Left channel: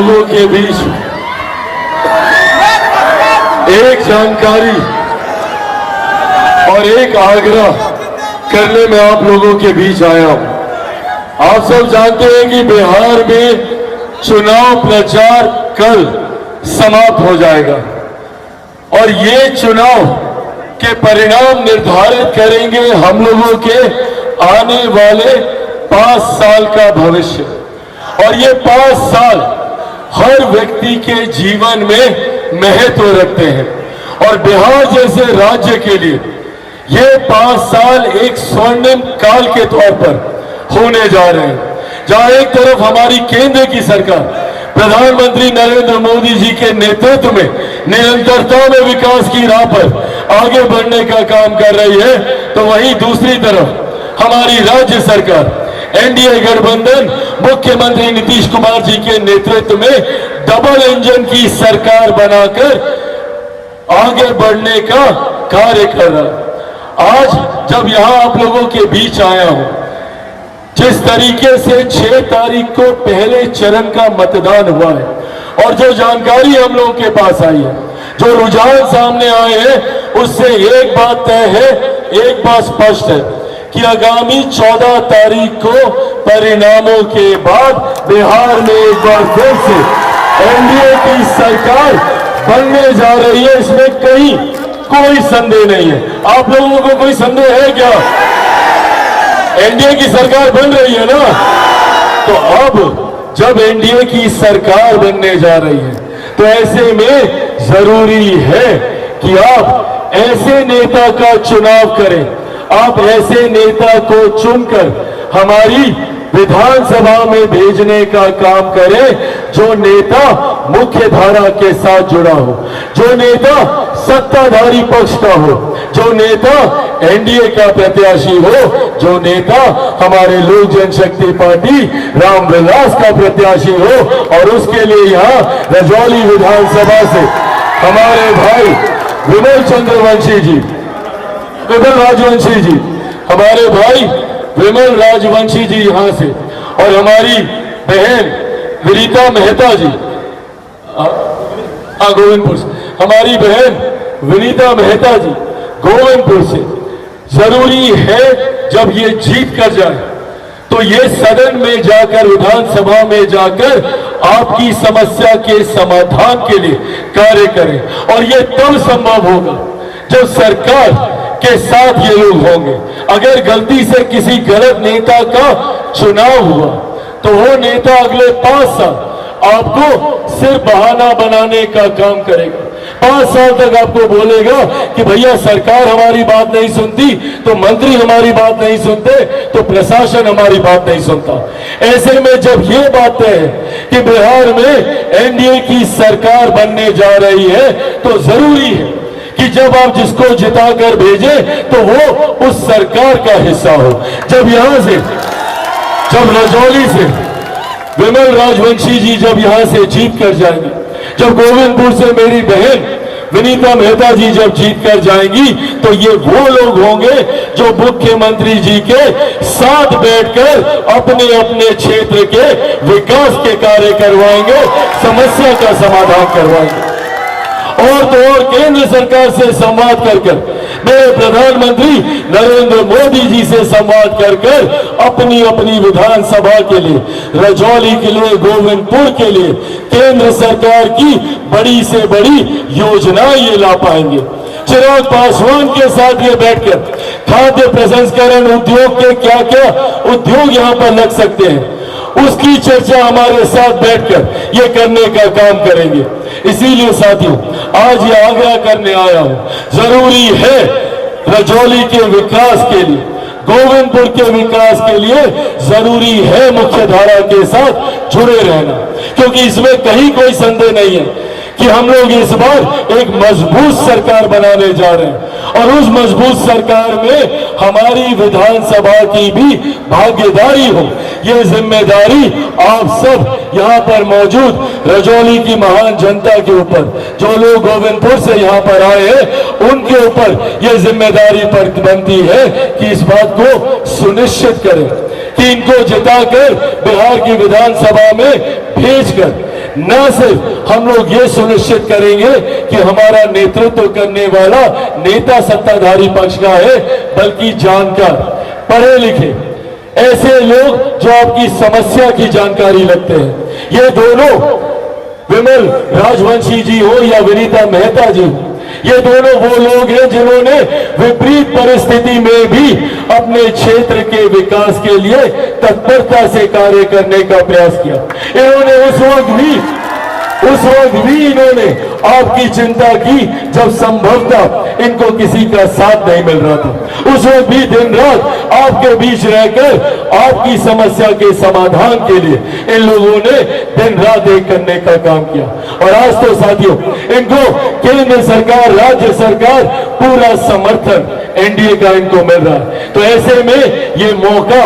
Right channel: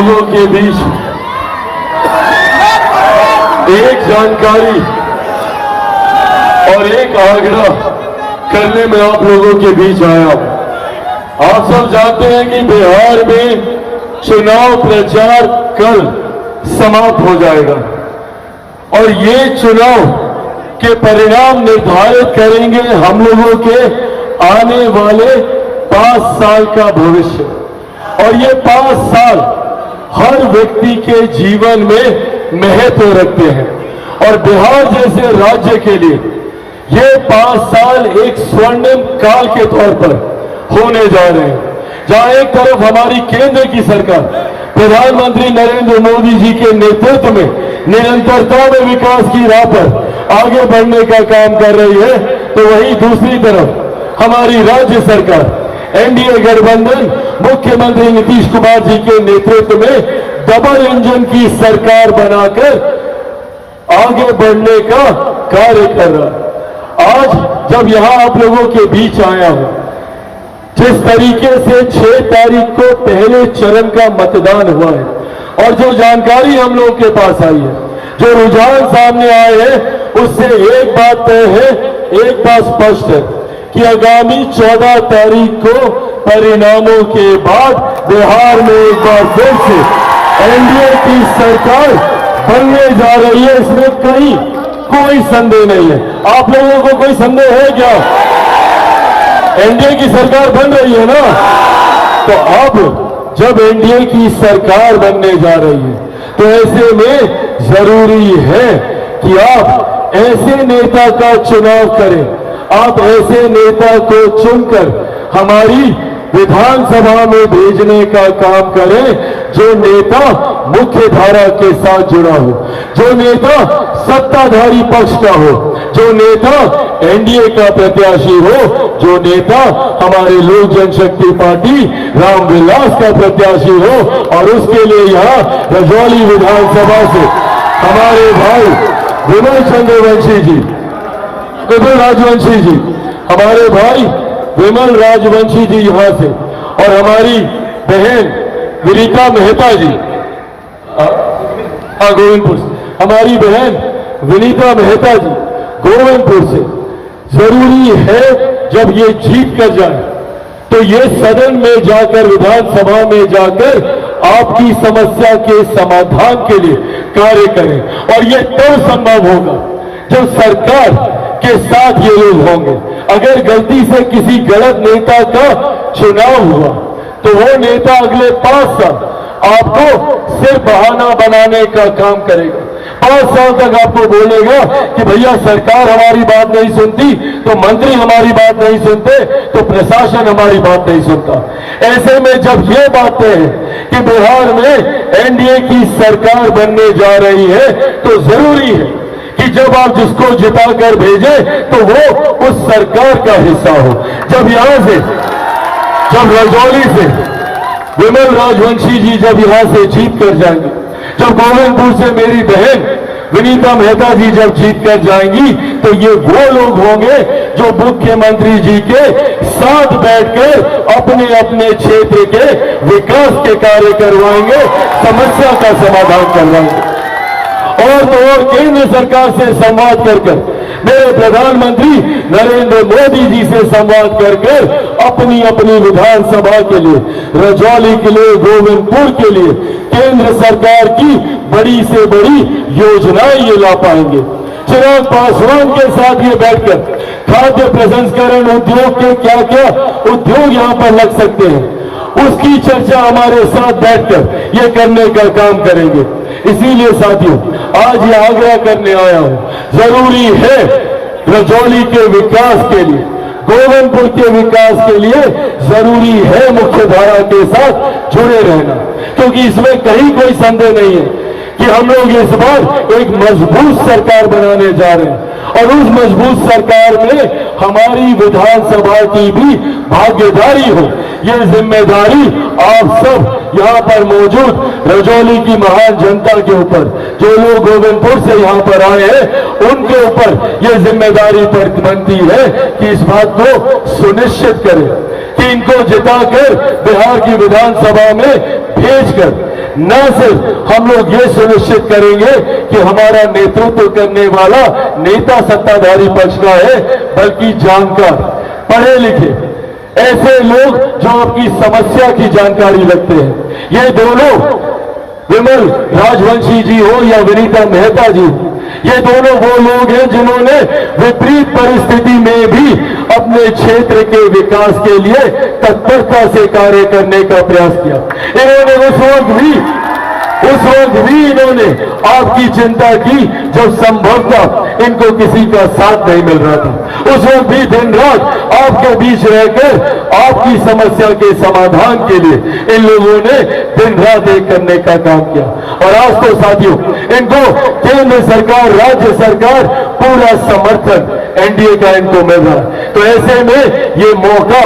लोगों के बीच एक जानकारी और एक आग्रह करने में आप लोगों के बीच आया। आप सब जानते हैं कि बिहार में चुनाव प्रचार कल समाप्त हो जाएगा और ये चुनाव के परिणाम निर्धारित करेंगे हम लोगों के आने वाले 5 साल का भविष्य। और ये 5 साल हर व्यक्ति के जीवन में महत्व रखते हैं और बिहार जैसे राज्य के लिए ये 5 साल एक स्वर्णिम काल के तौर पर होने जा रहे हैं, जहां एक तरफ हमारी केंद्र की सरकार प्रधानमंत्री नरेंद्र मोदी जी के नेतृत्व में निरंतरता में विकास की राह पर आगे बढ़ने का काम कर रही है, तो वहीं दूसरी तरफ हमारी राज्य सरकार एनडीए गठबंधन मुख्यमंत्री नीतीश कुमार जी के नेतृत्व में डबल इंजन की सरकार बनाकर आगे बढ़ने का कार्य कर रहा है। आज जब यहां आप लोगों के बीच आया हूं, जिस तरीके से 6 तारीख को पहले चरण का मतदान हुआ है और जो जानकारी हम लोगों के पास आई है, जो रुझान सामने आए हैं, उससे एक बात तय है, एक बात स्पष्ट है कि आगामी 14 तारीख को परिणामों के बाद बिहार में एक बार फिर से एनडीए की सरकार बनने जा रही है। इसमें कहीं कोई संदेह नहीं है। आप लोगों को कोई संदेह है क्या? एनडीए की सरकार बन रही है ना? तो अब जब एनडीए की सरकार बनने जा रही है, तो ऐसे में जरूरी है कि आप ऐसे नेता का चुनाव करें, आप ऐसे नेता को चुनकर हमारी विधानसभा में भेजने का काम करें, जो नेता मुख्य धारा के साथ जुड़ा हो, जो नेता सत्ताधारी पक्ष का हो, जो नेता एनडीए का प्रत्याशी हो, जो नेता हमारे लोक जनशक्ति पार्टी रामविलास का प्रत्याशी हो। और उसके लिए यहाँ रजौली विधानसभा से हमारे भाई विनय चंद्रवंशी जी, विमल राजवंशी जी, हमारे भाई विमल राजवंशी जी यहां से, और हमारी बहन विनीता मेहता जी गोविंदपुर से, हमारी बहन विनीता मेहता जी गोविंदपुर से। जरूरी है जब ये जीत कर जाए तो ये सदन में जाकर, विधानसभा में जाकर आपकी समस्या के समाधान के लिए कार्य करें। और ये तब संभव होगा जब सरकार के साथ ये लोग होंगे। अगर गलती से किसी गलत नेता का चुनाव हुआ तो वो नेता अगले 5 साल आपको सिर्फ बहाना बनाने का काम करेगा। 5 साल तक आपको बोलेगा कि भैया सरकार हमारी बात नहीं सुनती, तो मंत्री हमारी बात नहीं सुनते, तो प्रशासन हमारी बात नहीं सुनता। ऐसे में जब ये बात है कि बिहार में एनडीए की सरकार बनने जा रही है, तो जरूरी है कि जब आप जिसको जिताकर भेजे तो वो उस सरकार का हिस्सा हो। जब यहां से, जब रजौली से विमल राजवंशी जी जब यहां से जीत कर जाएंगे, जब गोविंदपुर से मेरी बहन विनीता मेहता जी जब जीत कर जाएंगी, तो ये वो लोग होंगे जो मुख्यमंत्री जी के साथ बैठकर अपने अपने क्षेत्र के विकास के कार्य करवाएंगे, समस्या का समाधान करवाएंगे। और तो और केंद्र सरकार से संवाद कर मेरे प्रधानमंत्री नरेंद्र मोदी जी से संवाद कर अपनी अपनी विधानसभा के लिए, रजौली के लिए, गोविंदपुर के लिए केंद्र सरकार की बड़ी से बड़ी योजनाएं ये ला पाएंगे। चिराग पासवान के साथ ये बैठकर खाद्य प्रसंस्करण उद्योग के क्या क्या उद्योग यहाँ पर लग सकते हैं, उसकी चर्चा हमारे साथ बैठकर ये करने का काम करेंगे। इसीलिए साथियों, आज ये आग्रह करने आया हूं, जरूरी है रजौली के विकास के लिए, गोविंदपुर के विकास के लिए जरूरी है मुख्य धारा के साथ जुड़े रहना, क्योंकि इसमें कहीं कोई संदेह नहीं है कि हम लोग इस बार एक मजबूत सरकार बनाने जा रहे हैं। और उस मजबूत सरकार में हमारी विधानसभा की भी भागीदारी हो, ये जिम्मेदारी आप सब यहाँ पर मौजूद रजौली की महान जनता के ऊपर, जो लोग गोविंदपुर से यहाँ पर आए हैं, उनके ऊपर ये जिम्मेदारी पर बनती है कि इस बात को सुनिश्चित करें कि इनको जिताकर बिहार की विधानसभा में भेजकर न सिर्फ हम लोग ये सुनिश्चित करेंगे कि हमारा नेतृत्व करने वाला नेता सत्ताधारी पक्ष का है, बल्कि जानकार, पढ़े लिखे ऐसे लोग जो आपकी समस्या की जानकारी रखते हैं। ये दोनों, विमल राजवंशी जी हो या विनीता मेहता जी, ये दोनों वो लोग हैं जिन्होंने विपरीत परिस्थिति में भी अपने क्षेत्र के विकास के लिए तत्परता से कार्य करने का प्रयास किया। इन्होंने उस वक्त भी इन्होंने आपकी चिंता की जब संभवतः इनको किसी का साथ नहीं मिल रहा था। उस वक्त भी दिन रात आपके बीच रहकर आपकी समस्या के समाधान के लिए इन लोगों ने दिन रात एक करने का काम किया। और आज तो साथियों, इनको केंद्र सरकार, राज्य सरकार पूरा समर्थन एनडीए का इनको मिल रहा है। तो ऐसे में ये मौका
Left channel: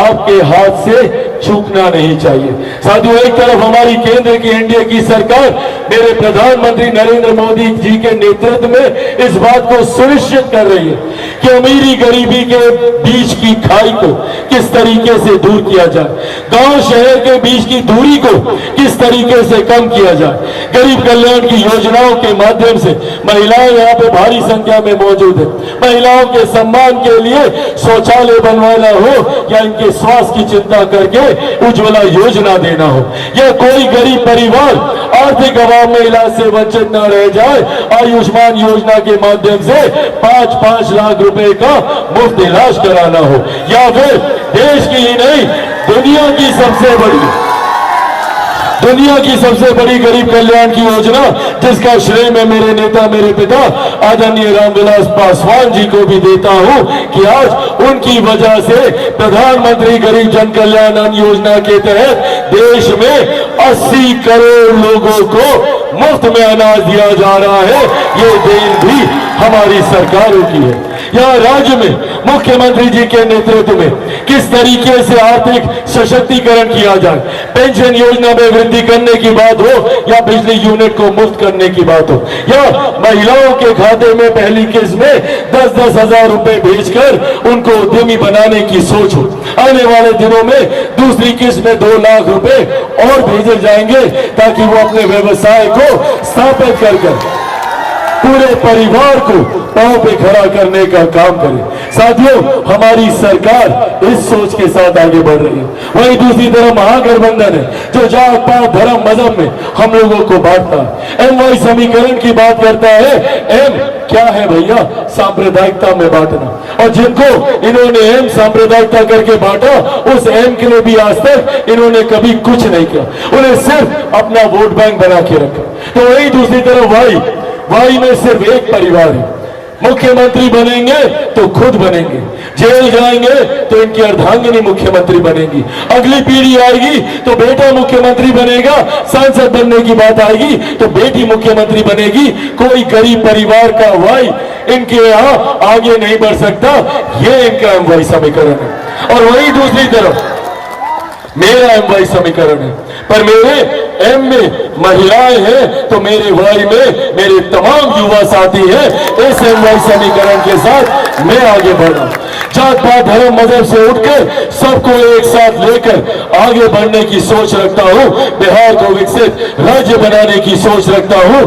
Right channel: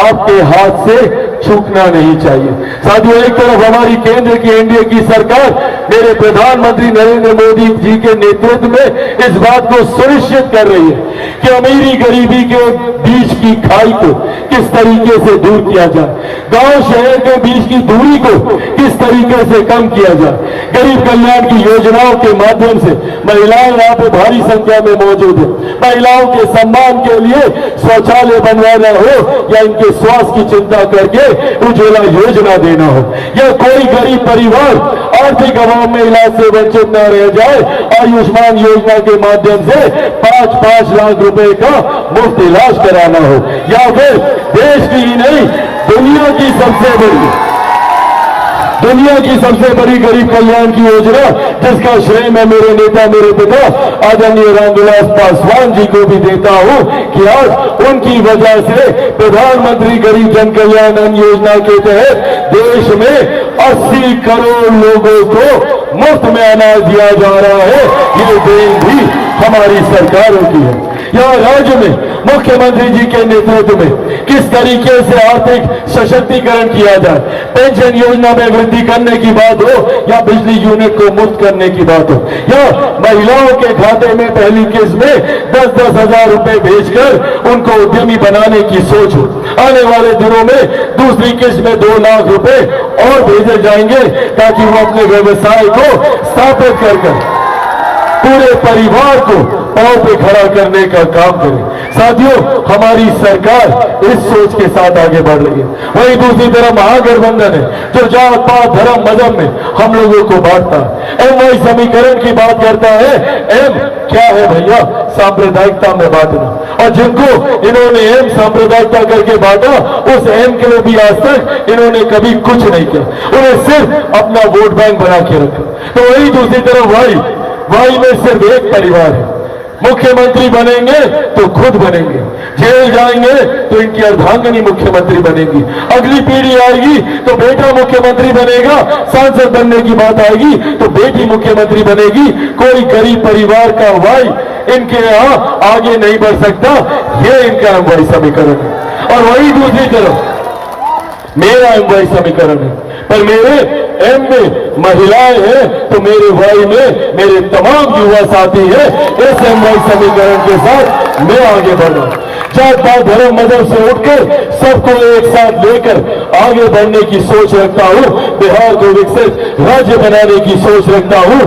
आपके हाथ से चूकना नहीं चाहिए। साथियों, एक तरफ हमारी केंद्र की एनडीए की सरकार मेरे प्रधानमंत्री नरेंद्र मोदी जी के नेतृत्व में इस बात को सुनिश्चित कर रही है कि अमीरी गरीबी के बीच की खाई को किस तरीके से दूर किया जाए, गांव शहर के बीच की दूरी को किस तरीके से कम किया जाए। गरीब कल्याण की योजनाओं के माध्यम से महिलाएं यहाँ पे भारी संख्या में मौजूद है। महिलाओं के सम्मान के लिए शौचालय बनवाना हो या इनके स्वास्थ्य की चिंता करके उज्ज्वला योजना देना हो, या कोई गरीब परिवार आर्थिक अभाव में इलाज से वंचित न रह जाए, आयुष्मान योजना के माध्यम से 5-5 लाख रुपए का मुफ्त इलाज कराना हो, या फिर देश की ही नहीं दुनिया की सबसे बड़ी गरीब कल्याण की योजना, जिसका श्रेय मैं मेरे नेता, मेरे पिता आदरणीय रामविलास पासवान जी को भी देता हूं कि आज उनकी वजह से प्रधानमंत्री गरीब जन कल्याण अन्न योजना के तहत देश में 80 करोड़ लोगों को मुफ्त में अनाज दिया जा रहा है। ये देन भी हमारी सरकारों की है। यहाँ राज्य में मुख्यमंत्री जी के नेतृत्व में किस तरीके से आर्थिक सशक्तिकरण किया जाए, पेंशन योजना में वृद्धि करने की बात हो या बिजली यूनिट को मुफ्त करने की बात हो, या महिलाओं के खाते में पहली किस्त में 10-10 हजार रुपए भेजकर उनको उद्यमी बनाने की सोच हो। आने वाले दिनों में दूसरी किस्त में 2 लाख रुपए और भेजे जाएंगे ताकि वो अपने व्यवसाय को स्थापित कर पूरे परिवार को पांव पे खड़ा करने का काम करे। साथियों, हमारी सरकार इस सोच के साथ आगे बढ़ रही है। वहीं दूसरी तरफ महागठबंधन है जो जात पात धर्म मजहब में हम लोगों को बांटता है, एमवाई समीकरण की बात करता है। एम क्या है भैया? सांप्रदायिकता में बांटना। और जिनको इन्होंने एम सांप्रदायिकता करके बांटा, उस एम के लिए भी आज तक इन्होंने कभी कुछ नहीं किया, उन्हें सिर्फ अपना वोट बैंक बना के रखा। तो वही दूसरी तरफ वाई में सिर्फ एक परिवार है। मुख्यमंत्री बनेंगे तो खुद बनेंगे, जेल जाएंगे तो इनकी अर्धांगिनी मुख्यमंत्री बनेगी, अगली पीढ़ी आएगी तो बेटा मुख्यमंत्री बनेगा, सांसद बनने की बात आएगी तो बेटी मुख्यमंत्री बनेगी। कोई गरीब परिवार का वाई इनके यहाँ आगे नहीं बढ़ सकता। ये इनका एमवाई समीकरण है। और वही दूसरी तरफ मेरा एमवाई समीकरण है, पर मेरे एम में महिलाएं हैं तो मेरे वाई में मेरे तमाम युवा साथी हैं। इस एमवाई समीकरण के साथ मैं आगे बढ़ रहा हूं। जात पात धर्म मजहब से उठकर सबको एक साथ लेकर आगे बढ़ने की सोच रखता हूं। बिहार को विकसित राज्य बनाने की सोच रखता हूं।